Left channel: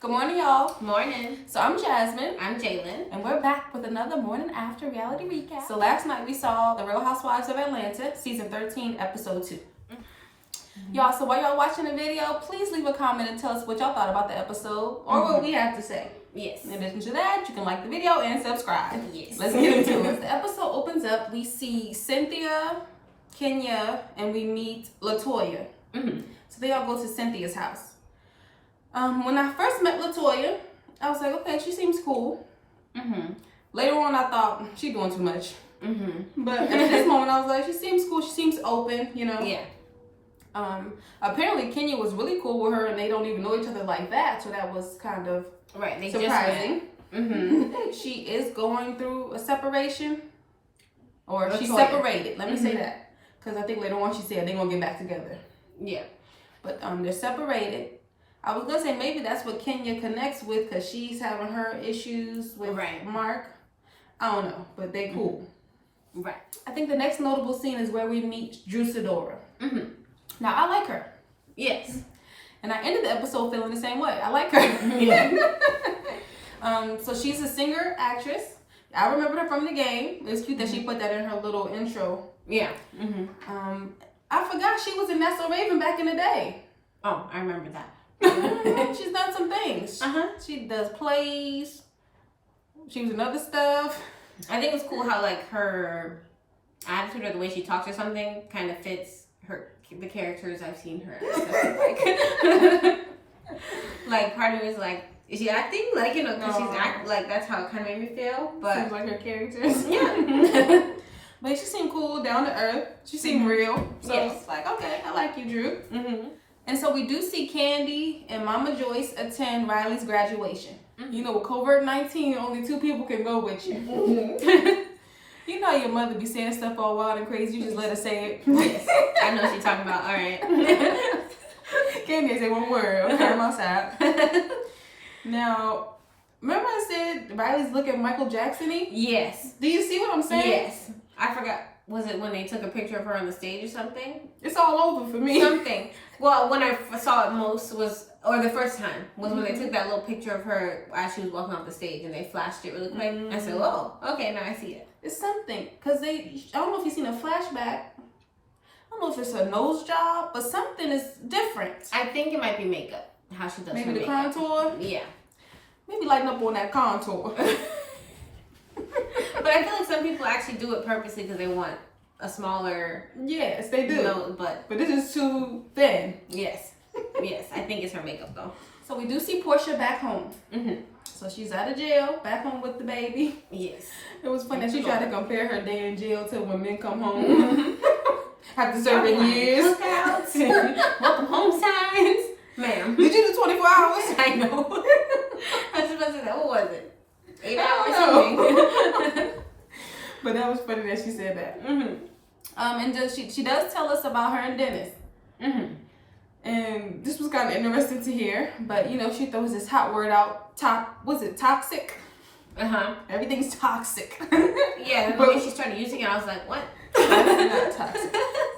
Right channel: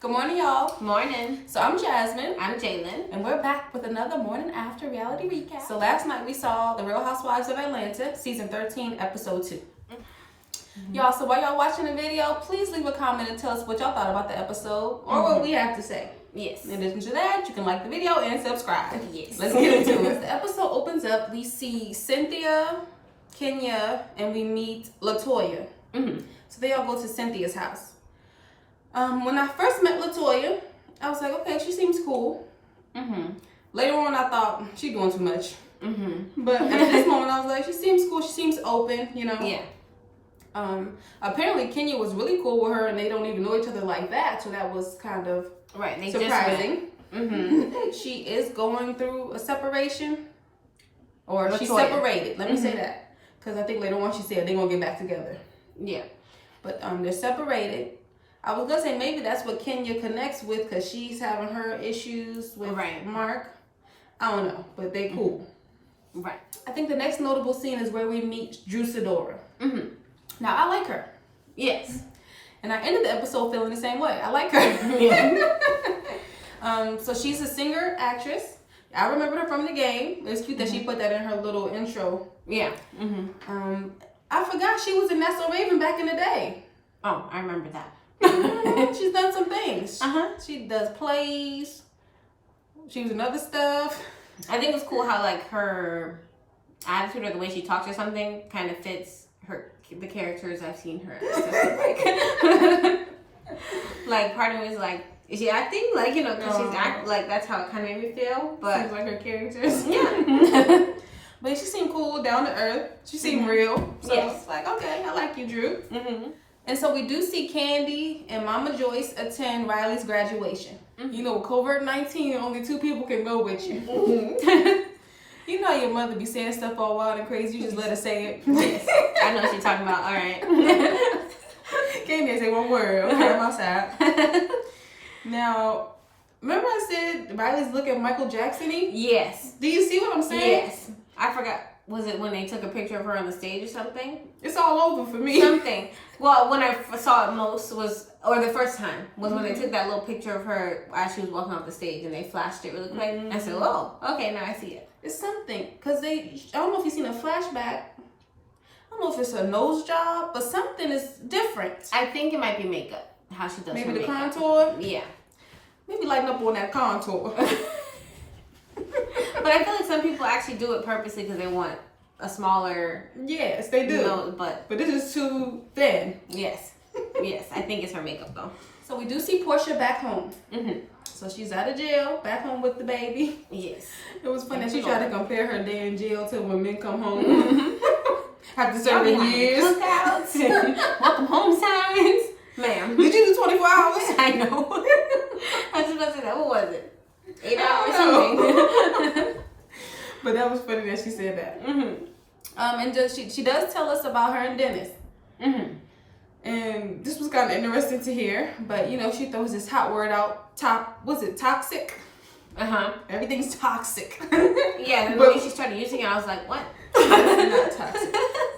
Good morning, y'all. Morning. So I'm Jasmine. I'm Jalen. And we're back with another Morning After reality recap. So last night we saw The Real Housewives of Atlanta, season 13, episode 2. Y'all, so while y'all watching the video, please leave a comment and tell us what y'all thought about the episode or what we have to say. Yes. In addition to that, you can like the video and subscribe. Yes. Let's get into it. The episode opens up, we see Cynthia, Kenya, and we meet LaToya. So they all go to Cynthia's house. When I first met LaToya, I was like, okay, she seems cool. Later on, I thought, she doing too much. But at this moment, I was like, she seems cool. She seems open, you know? Yeah. Apparently, Kenya was really cool with her, and they don't even know each other like that. So that was kind of surprising. She is going through a separation. Or LaToya. She's separated. Let me say that. Because I think later on she said they're going to get back together. Yeah. But they're separated. I was gonna say maybe that's what Kenya connects with because she's having her issues with Mark. I don't know, but they cool. Right. I think the next notable scene is where we meet Drew Sidora. Now I like her. Yes. And I ended the episode feeling the same way. I like her. So she's a singer, actress. I remember her from the game. It was cute that she put that in her little intro. Yeah. I forgot she was in That's So Raven back in the day. Oh, I remember that. She's done some things. She does plays. She was in other stuff. I think it was cool how like her attitude or the way she talks or something kind of fits the characters I've seen her. Like part of me is like, is she acting? Like, you know, because she's acting, like that's how it kind of made me feel. But seems like her characters. Yeah. But she seemed cool, down to earth. She seemed real. So it's like, okay, I like you, Drew. And so we do see Candy and Mama Joyce attend Riley's graduation. You know, with COVID-19, only 2 people can go with you. You know your mother be saying stuff all wild and crazy. You just let her say it. Yes. I know what she's talking about. All right. Candy say one word. Okay, I'm outside. Now, remember I said Riley's looking Michael Jackson-y? Yes. Do you see what I'm saying? Yes. I forgot. Was it when they took a picture of her on the stage or something? It's all over for me. Something. Well, when I saw it most was, or the first time, was when they took that little picture of her as she was walking off the stage and they flashed it really quick. I said, oh, okay, now I see it. It's something. Because I don't know if you've seen a flashback. I don't know if it's a nose job, but something is different. I think it might be makeup. How she does maybe her the makeup. Contour? Yeah. Maybe lighten up on that contour. But I feel like some people actually do it purposely because they want a smaller... Yes, they do. But this is too thin. Yes. Yes, I think it's her makeup though. So we do see Portia back home. So she's out of jail, back home with the baby. Yes. It was funny that she tried to compare her day in jail to when men come home. After serving years. Cookouts, welcome home signs. Ma'am. Did you do 24 hours? I know. I was just about to say that. What was it? 8 hours or something. But that was funny that she said that. And just, she does tell us about her and Dennis. And this was kind of interesting to hear. But, you know, she throws this hot word out. Was it toxic? Everything's toxic. Yeah, but when she started using it, I was like, what? That's not toxic.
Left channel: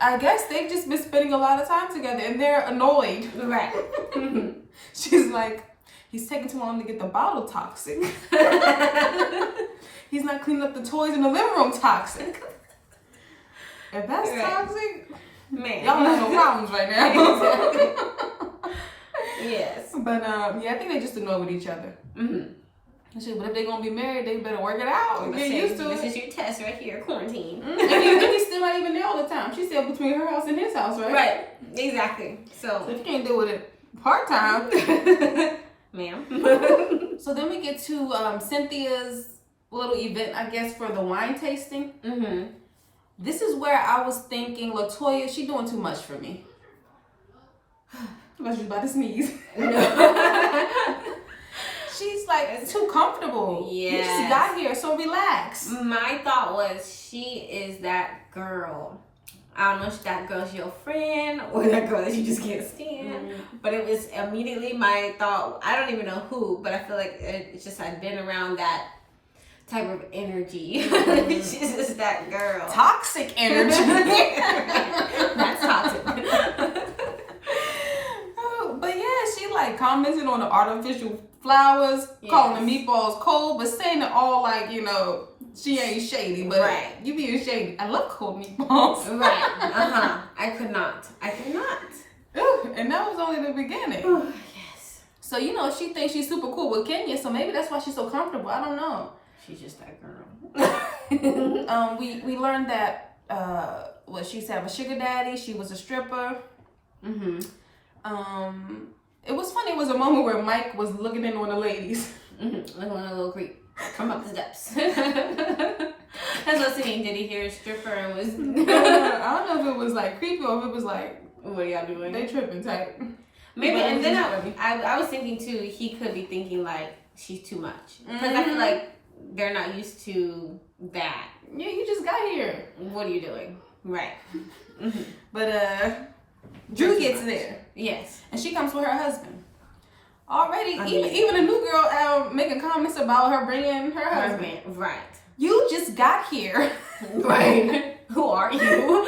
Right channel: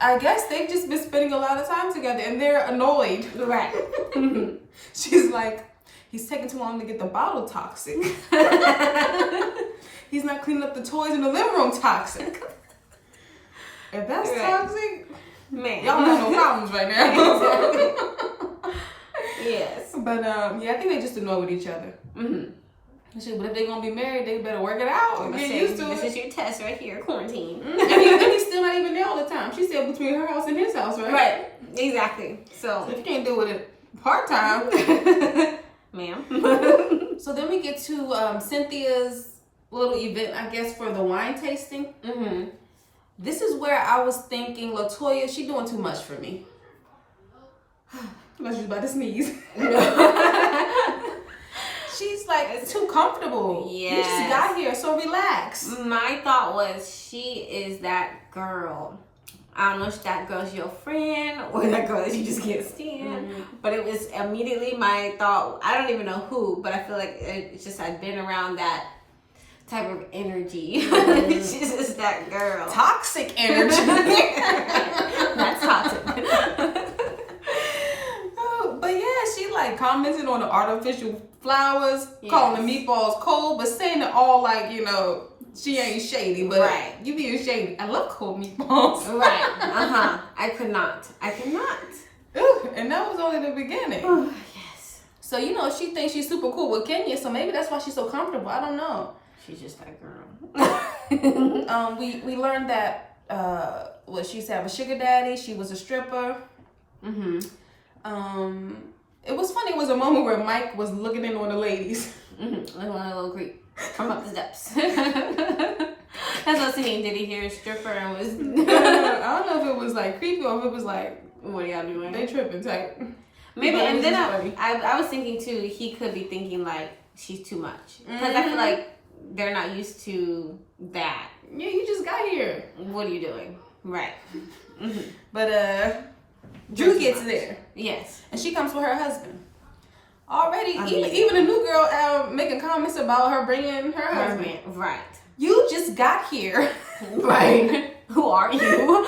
I guess they've just been spending a lot of time together and they're annoyed. Right. She's like, he's taking too long to get the bottle toxic. He's not cleaning up the toys in the living room toxic. If that's toxic, man, y'all don't have no problems right now. Yes. But yeah, I think they just annoyed with each other. But if they're gonna be married, they better work it out and get used to it. This is your test right here, quarantine. And he's still not even there all the time. She's still between her house and his house, right? Right. Exactly. So if you can't deal with it part time, ma'am. So then we get to Cynthia's little event, I guess, for the wine tasting. This is where I was thinking, LaToya, she doing too much for me. Unless she's about to sneeze. She's like too comfortable. Yeah. You just got here, so relax. My thought was she is that girl. I don't know if that girl's your friend or that girl that you just can't stand. But it was immediately my thought. I don't even know who, but I feel like it's just I've been around that type of energy. She's just that girl. Toxic energy. That's toxic. But yeah, she like commented on the artificial flowers, calling the meatballs cold, but saying it all like, you know, she ain't shady, but you being shady. I love cold meatballs. Right. I could not. Ooh, and that was only the beginning. Ooh, yes. So, you know, she thinks she's super cool with Kenya, so maybe that's why she's so comfortable. I don't know. She's just that girl. We learned that she used to have a sugar daddy. She was a stripper. Mm-hmm. It was funny. It was a moment where Mike was looking in on the ladies. Mm-hmm. Like on a little creep. Come up the steps. That's what he did. He hear a stripper and was. I don't know if it was like creepy or if it was like, what y'all doing? They tripping type. Maybe, and then I was thinking too. He could be thinking like she's too much because I feel like they're not used to that. Yeah, you just got here. What are you doing? Right. Mm-hmm. But Drew gets there. Yes, and she comes with her husband. Already, even a new girl making comments about her bringing her husband. Right. You just got here. Right. Who are you?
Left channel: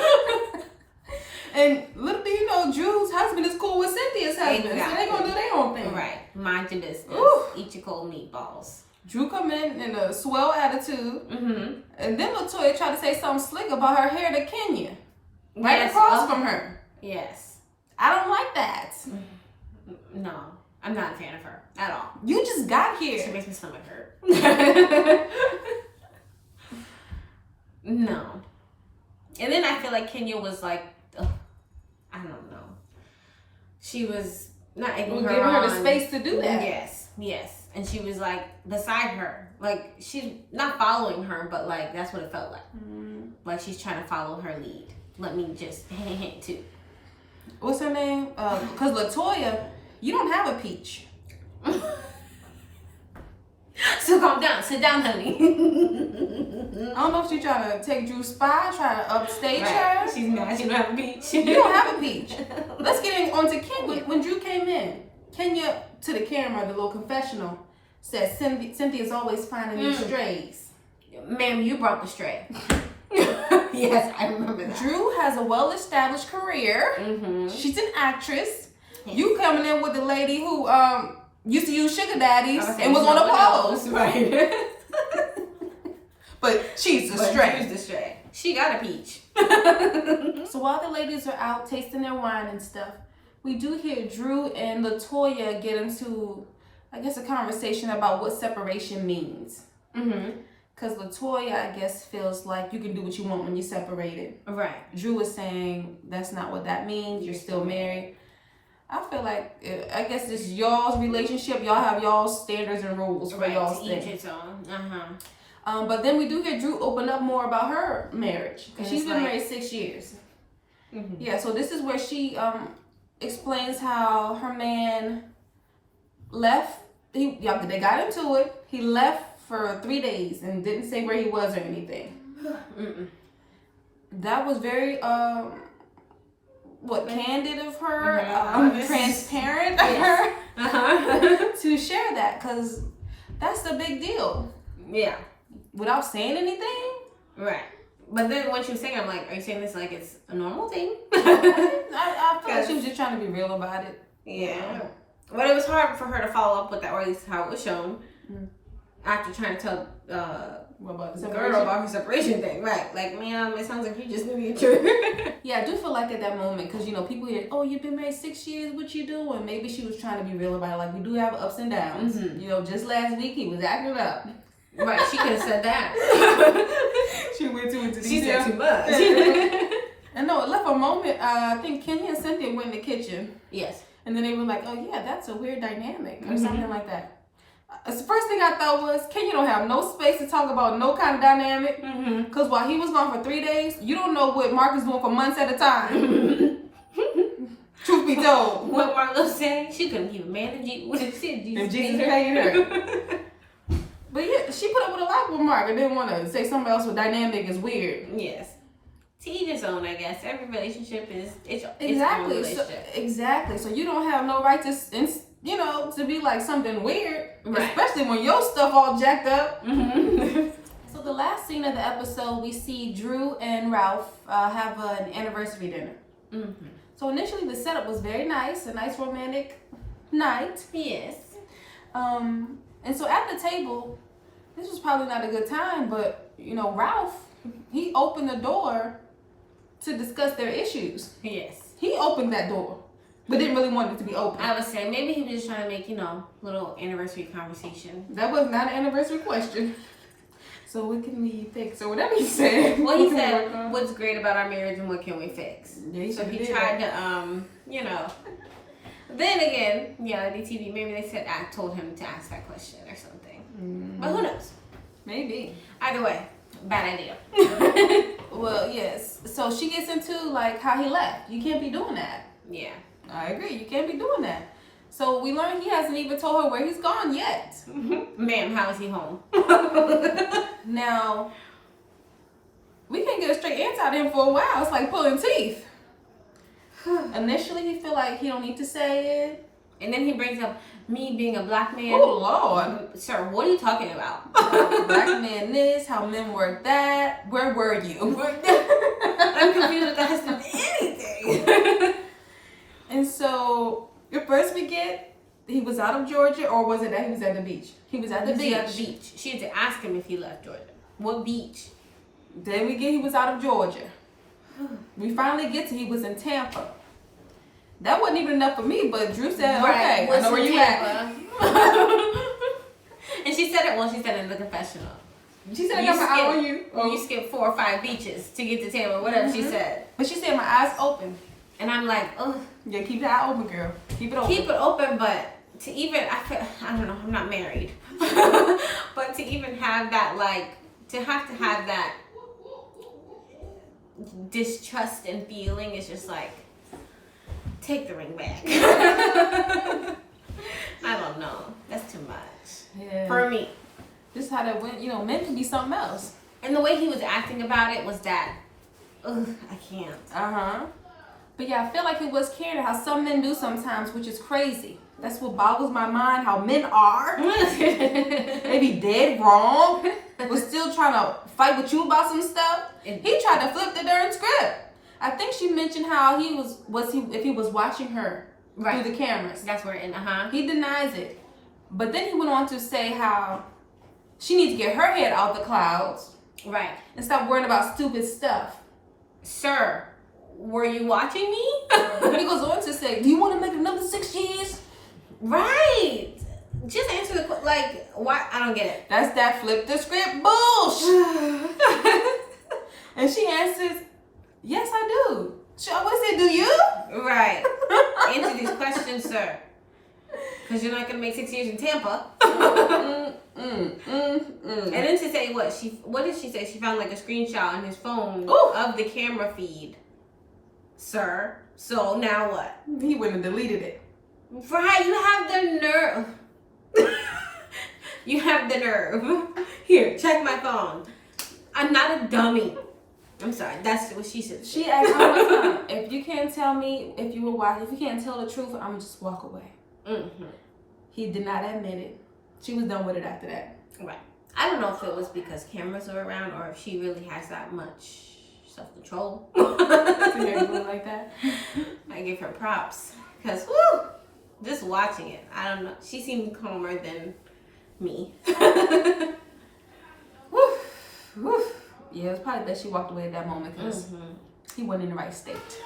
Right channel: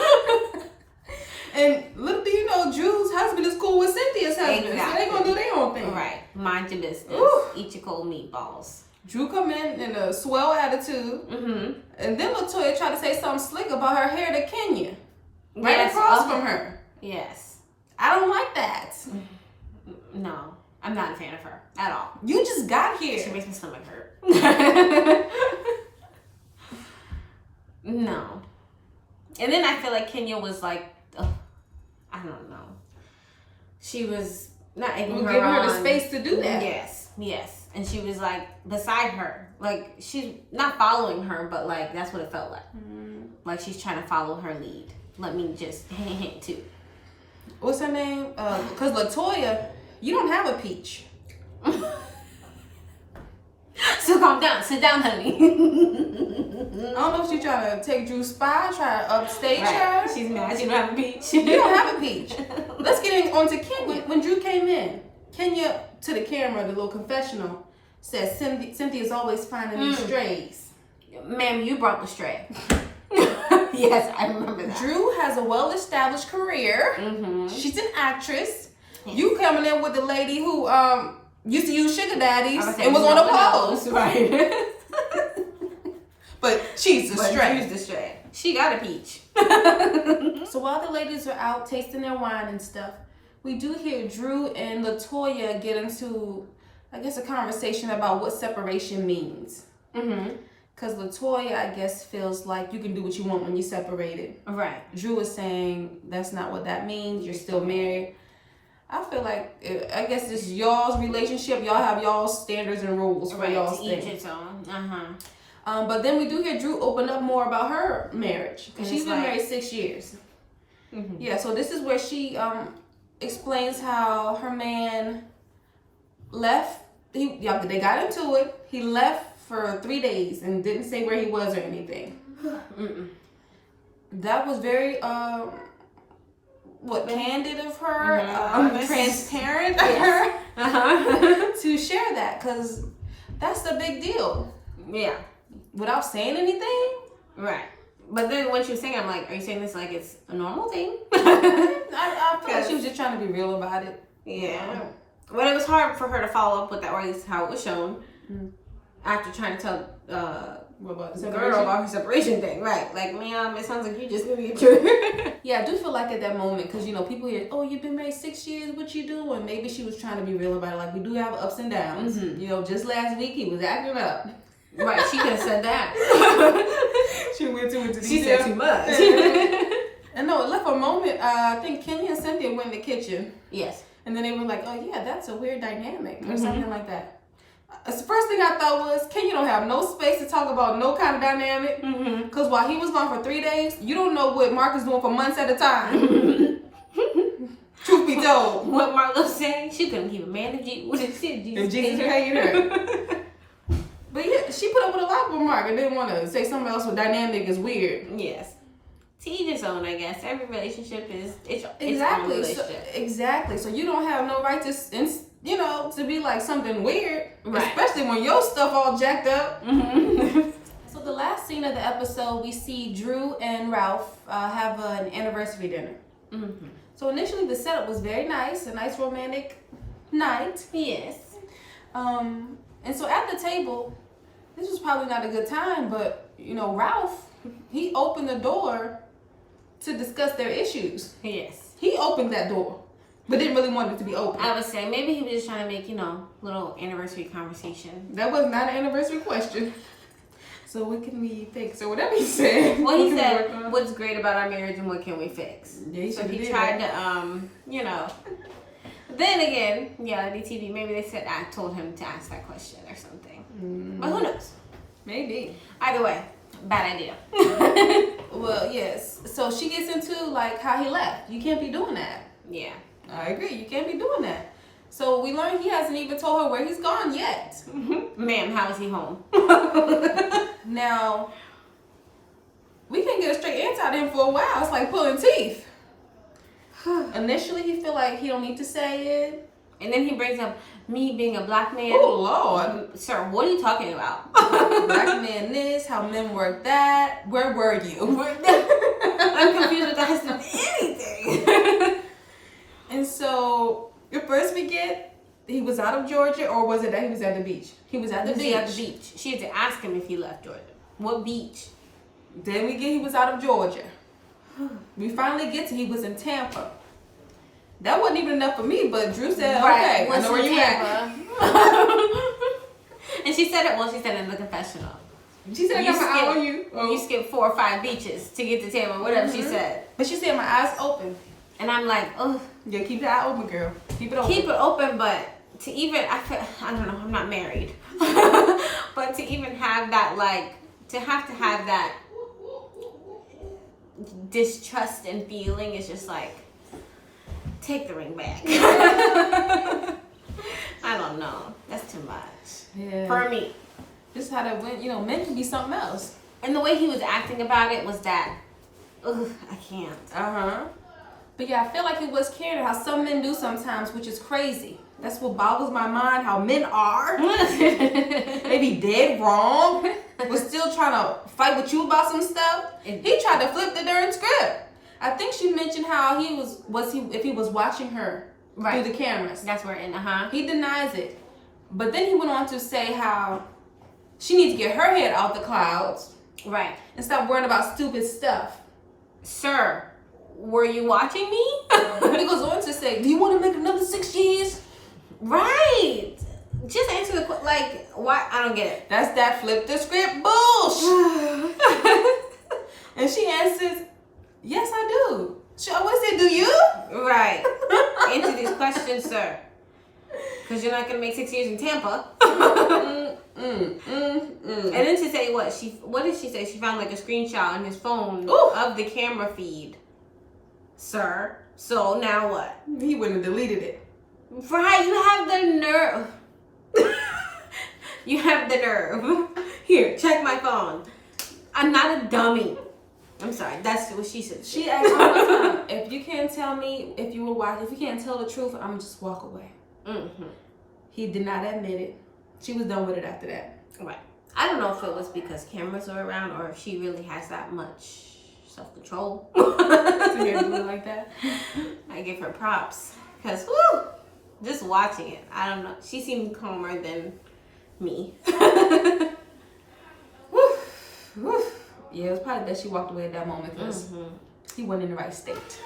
And little do you know, Drew's husband is cool with Cynthia's husband. Exactly. So they gonna do their own thing. Right. Mind your business. Ooh. Eat your cold meatballs. Drew come in a swell attitude. Mm-hmm. And then LaToya tried to say something slick about her hair to Kenya. Right across from her. Yes. I don't like that. No. I'm not a fan of her at all. You just got here. She makes my stomach hurt. No. And then I feel like Kenya was like, I don't know. She was not giving her the space to do that. Yes. And she was like beside her. Like she's not following her, but like that's what it felt like. Mm-hmm. Like she's trying to follow her lead. Let me just hint too. What's her name? Because LaToya, you don't have a peach. So calm down. Sit down, honey. I don't know if she's trying to take Drew's spot, try to upstage her. She's mad she don't have a peach. You don't have a peach. Let's get on to Kenya. When Drew came in, Kenya, to the camera, the little confessional, says Cynthia's always finding these strays. Ma'am, you brought the stray. Yes, I remember that. Drew has a well-established career. Mm-hmm. She's an actress. Yes. You coming in with the lady who used to use sugar daddies and was on a pose. Right. But she's the stray. She got a peach. So while the ladies are out tasting their wine and stuff, we do hear Drew and LaToya get into, I guess, a conversation about what separation means. Mm-hmm. Because LaToya, I guess, feels like you can do what you want when you're separated. Right. Drew is saying that's not what that means. You're still married. I feel like, I guess this y'all's relationship. Y'all have y'all's standards and rules for y'all's thing. Each its own. But then we do hear Drew open up more about her marriage. Because she's been married 6 years. Mm-hmm. Yeah, so this is where she explains how her man left. They got into it. He left for 3 days and didn't say where he was or anything. Mm-mm. That was very candid of her, transparent of her to share that, because that's the big deal. Yeah. Without saying anything. Right. But then when she was saying, I'm like, are you saying this like it's a normal thing? I feel like she was just trying to be real about it. Yeah. But it was hard for her to follow up with that, or at least how it was shown. Mm. After trying to tell what about the girl about her separation thing, right? Like, ma'am, it sounds like you just knew the truth. Yeah, I do feel like at that moment, because people hear, oh, you've been married 6 years, what you doing? Maybe she was trying to be real about it. Like, we do have ups and downs. Mm-hmm. Just last week he was acting up. Right, she could have said that. She went too into detail. She said too much. And no, it left a moment. I think Kenya and Cynthia went in the kitchen. Yes. And then they were like, oh yeah, that's a weird dynamic or something like that. The first thing I thought was, Kenya don't have no space to talk about no kind of dynamic. Because while he was gone for 3 days, you don't know what Mark is doing for months at a time. Truth be told. What Mark was saying, she couldn't keep a man if Jesus paid her. But yeah, she put up with a lot with Mark and didn't want to say something else with dynamic is weird. Yes. To each his own, I guess. Every relationship is exactly. Its own relationship. Exactly. So you don't have no right to to be like something weird, right. Especially when your stuff all jacked up. Mm-hmm. So the last scene of the episode, we see Drew and Ralph have an anniversary dinner. Mm-hmm. So initially the setup was very nice, a nice romantic night. Yes. And so at the table, this was probably not a good time, but Ralph, he opened the door to discuss their issues. Yes. He opened that door, but didn't really want it to be open. I would say maybe he was just trying to make, little anniversary conversation. That was not an anniversary question. So what can we fix? Or whatever he said. Well, he said, what's great about our marriage and what can we fix? Yeah, so he tried to, Then again, reality TV, maybe they said I told him to ask that question or something. But who knows? Maybe. Either way, bad idea. Well, yes. So she gets into like how he left. You can't be doing that. Yeah. I agree. You can't be doing that. So we learned he hasn't even told her where he's gone yet. Ma'am, how is he home? Now, we can't get a straight answer out of him for a while. It's like pulling teeth. Initially, he feel like he don't need to say it. And then he brings up me being a black man. Oh, Lord. Sir, what are you talking about? Black man this, how men work that. Where were you? I'm confused with that has to do anything. And so, at first we get, he was out of Georgia, or was it that he was at the beach? He was at the beach. She had to ask him if he left Georgia. What beach? Then we get he was out of Georgia. We finally get to he was in Tampa. That wasn't even enough for me, but Drew said, okay, I know where you at. And she said it, she said in the confessional. She said, I got my eye on you. Oh. You skipped 4 or 5 beaches to get to Tampa, whatever she said. But she said, my eyes open. And I'm like, ugh. Yeah, keep your eye open, girl. Keep it open. Keep it open, but to even, I don't know, I'm not married. But to even have that, to have that distrust and feeling is just like, take the ring back. I don't know. That's too much. Yeah. For me. Just how that went, men can be something else. And the way he was acting about it was that, ugh, I can't. Uh-huh. But yeah, I feel like it was caring how some men do sometimes, which is crazy. That's what boggles my mind, how men are. They be dead wrong. We're still trying to fight with you about some stuff. He tried to flip the darn script. I think she mentioned how he was if he was watching her through the cameras. That's where He denies it. But then he went on to say how she needs to get her head out the clouds. Right. And stop worrying about stupid stuff. Sir, were you watching me? He goes on to say, do you want to make another 6 years? Right. Just answer the question. Why? I don't get it. That's that flip the script bullshit. And she answers, yes, I do. What is it, do you? Right. Answer these questions, sir. Because you're not going to make 6 years in Tampa. And then to say what did she say? She found a screenshot on his phone of the camera feed. Sir. So now what? He wouldn't have deleted it. Right, you have the nerve. You have the nerve. Here, check my phone. I'm not a dummy. I'm sorry, that's what she said. She asked all the time, if you can't tell me if you can't tell the truth, I'm gonna just walk away. Mm-hmm. He did not admit it. She was done with it after that. Right. I don't know if it was because cameras are around or if she really has that much self-control. To hear it like that. I give her props. Because, just watching it, I don't know. She seemed calmer than me. Yeah, it was probably best she walked away at that moment because he wasn't in the right state.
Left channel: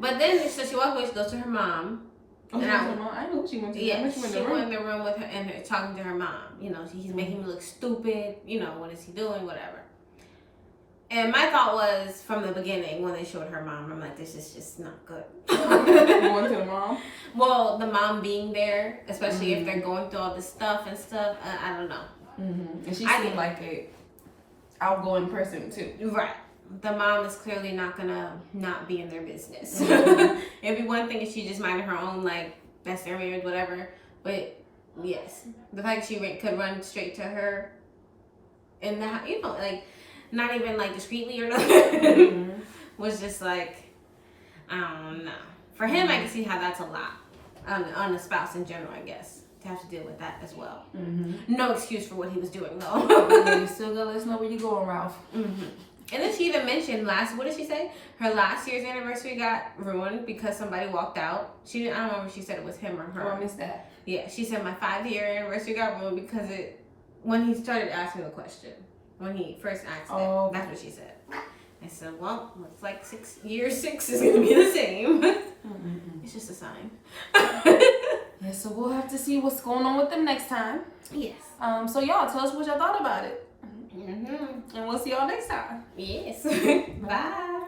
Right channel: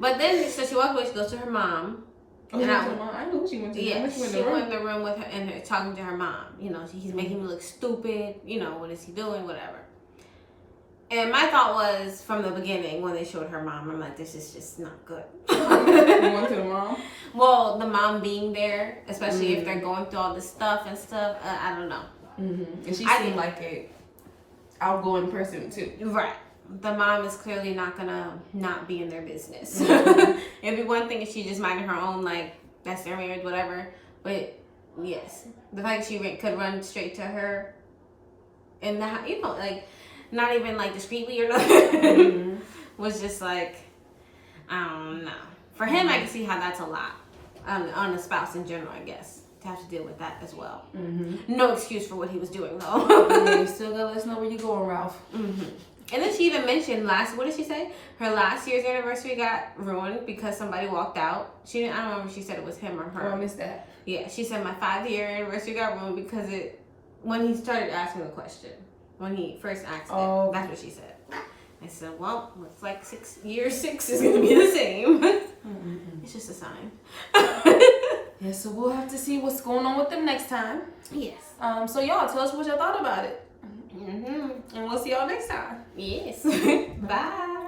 But then, so she walked away, she goes to her mom. Oh, I knew she went to. Yeah, she went in the room with her and her talking to her mom. He's making me look stupid. What is he doing? Whatever. And my thought was from the beginning when they showed her mom, I'm like, this is just not good. You went to the mom? Well, the mom being there, especially if they're going through all this stuff and stuff. I don't know. Mm-hmm. And she seemed like a outgoing person too. Right. The mom is clearly not gonna not be in their business. It'd be one thing if she just minded her own, that's their marriage, whatever. But yes, the fact that she could run straight to her, and not even discreetly or nothing, was just I don't know. For him, I can see how that's a lot on a spouse in general, I guess. To have to deal with that as well. Mm-hmm. No excuse for what he was doing, though. Yeah, you still gotta let us know where you're going, Ralph. Mm-hmm. And then she even mentioned what did she say? Her last year's anniversary got ruined because somebody walked out. I don't remember if she said it was him or her. I missed that. Yeah, she said my 5-year anniversary got ruined because when he started asking the question. When he first asked it. That's what she said. I said, well, looks like year 6 is going to be the same. It's just a sign. Yeah, so we'll have to see what's going on with them next time. Yes. So y'all, tell us what y'all thought about it. And we'll see y'all next time. Yes. Bye.